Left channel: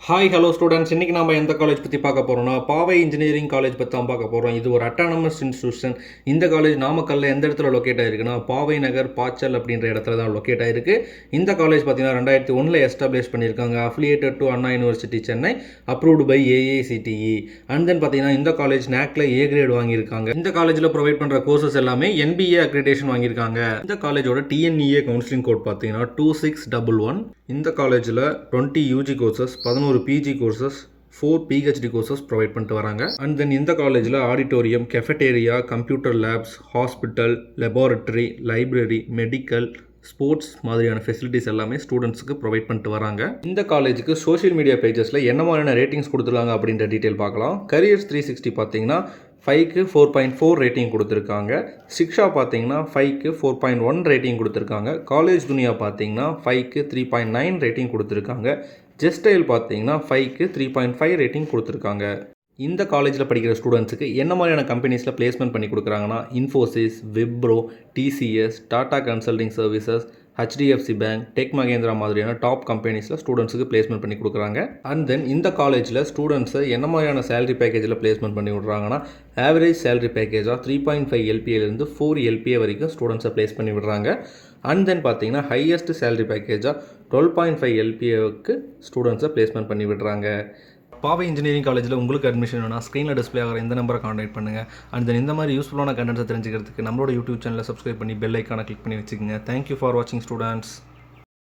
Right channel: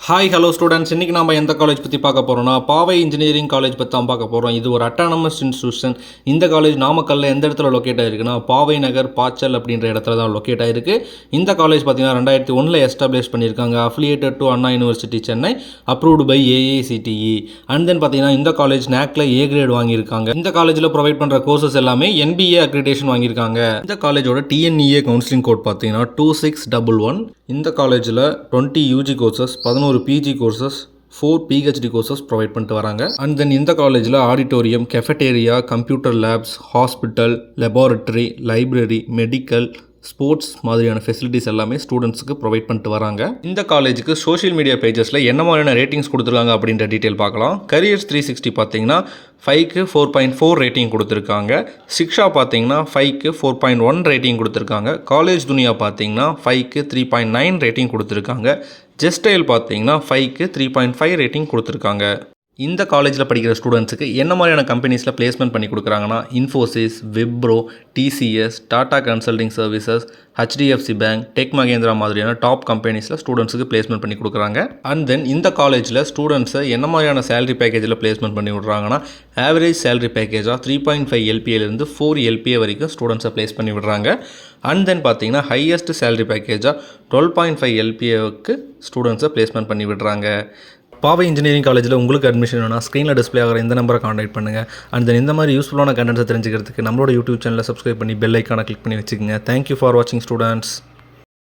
Hi hello students, இன்றைக்கி நம்ம எந்த காலேஜ் பற்றி பார்க்க போகிறோம்னா பாவை இன்ஜினியரிங் காலேஜ் பற்றி தான் பார்க்க போகிறோம். இது ஒரு அட்டானமஸ் இன்ஸ்டியூஷன். இந்த காலேஜ் நாமக்கல்லில் எந்த இடத்துல லொக்கேட் ஆகிருக்குன்னா பாவை நகர் பாச்சல் அப்படின்ற இடத்துல தான் லொக்கேட் ஆகிருக்கு. இந்த காலேஜ் பார்த்தீங்கன்னா 2001 எஸ்டாப்ளிஷ் பண்ணியிருக்காங்க. Affiliated to Anna university Chennai, approved by AICTE. And then பார்த்தீங்கன்னா இந்த காலேஜ் NACல A கிரேட் வாங்கியிருக்காங்க. இந்த காலேஜில் ப்ரொவைட் பண்ணுற கோர்சஸ் எல்லாமே NBA அக்ரிடேஷன் வாங்கியிருக்காங்க. இந்த காலேஜோட TNEA கவுன்சிலிங் கோட் பார்த்தீங்கன்னா 2611. இந்த காலேஜில் 20 UG courses, 11 PG courses, 4 PhD courses provide பண்ணிட்டு வராங்க. அண்ட் தென் இந்த காலேஜில் auditorium, cafeteria, computer labs, hospital, laboratory, library, medical, sports மாதிரியான ஃபெசிலிட்டிஸ் எல்லாமே ஸ்டூடெண்ட்ஸுக்கு ப்ரொவைட் பண்ணிட்டு வராங்க. இந்த காலேஜுக்கு சோஷியல் மீடியா பேஜஸில் என்ன மாதிரியான ரேட்டிங்ஸ் கொடுத்துருக்காங்க அப்படின்ற டீட்டெயில் பார்க்கலாம். கரியர்ஸ் 360 பார்த்தீங்கன்னா 5க்கு 4.4 ரேட்டிங் கொடுத்துருக்காங்க. சிக்ஷா பார்த்தீங்கன்னா 5க்கு 4.1 ரேட்டிங் கொடுத்துருக்காங்க. காலேஜ் துனியா பார்த்தீங்கன்னா 5க்கு 3.9 ரேட்டிங் கொடுத்துருக்காங்க. ஜெஸ்டைல் பார்த்தீங்கன்னா 5க்கு 3.5 ரேட்டிங் கொடுத்துருக்காங்க. இந்த காலேஜில் படிக்கிற ஸ்டூடெண்ட்ஸுக்கு என்ன மாதிரியான கம்பெனிஸில் பிளேஸ்மெண்ட் பண்ணி கொடுக்குறாங்கன்னா Infosys, Wipro, TCS, Tata consulting services, HDFC bank, tech Mahindra மாதிரியான டாப் கம்பெனிஸில் ஸ்டூடெண்ட்ஸுக்கு பிளேஸ்மெண்ட் பண்ணி கொடுக்குறாங்க. அண்ட் தென் இந்த காலேஜில் ஸ்டூடெண்ட்ஸை என்ன மாதிரியான சேலரி பேக்கேஜில் பிளேஸ்மெண்ட் பண்ணி விடுறாங்கன்னா ஆவரேஜ் சேலரி பேக்கேஜாக 3.5 LPAலேருந்து 4 LPA வரைக்கும் ஸ்டூடெண்ட்ஸை பிளேஸ் பண்ணி விடுறாங்க. அண்ட் தென் பார்த்தீங்கன்னா ஹையஸ்ட் சேலரி பேக்கேஜாக 12.5 LPAவுக்கு ஸ்டூடெண்ட்ஸை பிளேஸ்மெண்ட் பண்ணி விடுறாங்க. பாவை இன்ஜினியரிங் காலேஜில் உங்களுக்கு அட்மிஷன் வேணும்னா ஸ்க்ரீனில் டிஸ்பிளே ஆகிற இந்த நம்பரை காண்டாக்ட் பண்ணுங்கள். அண்ட் தென் இந்த மாதிரி யூஸ்ஃபுல்லான கண்டென்ட்ஸை தெரிஞ்சுக்கிறதுக்கு நம்மளோட யூடியூப் சேனலை சப்ஸ்கிரைப் பண்ணி பெல் ஐக்கானை கிளிக் பண்ணி வச்சுக்கோங்க. தேங்க்யூ ஃபார் வாட்சிங் ஸ்டூடெண்ட்ஸ்.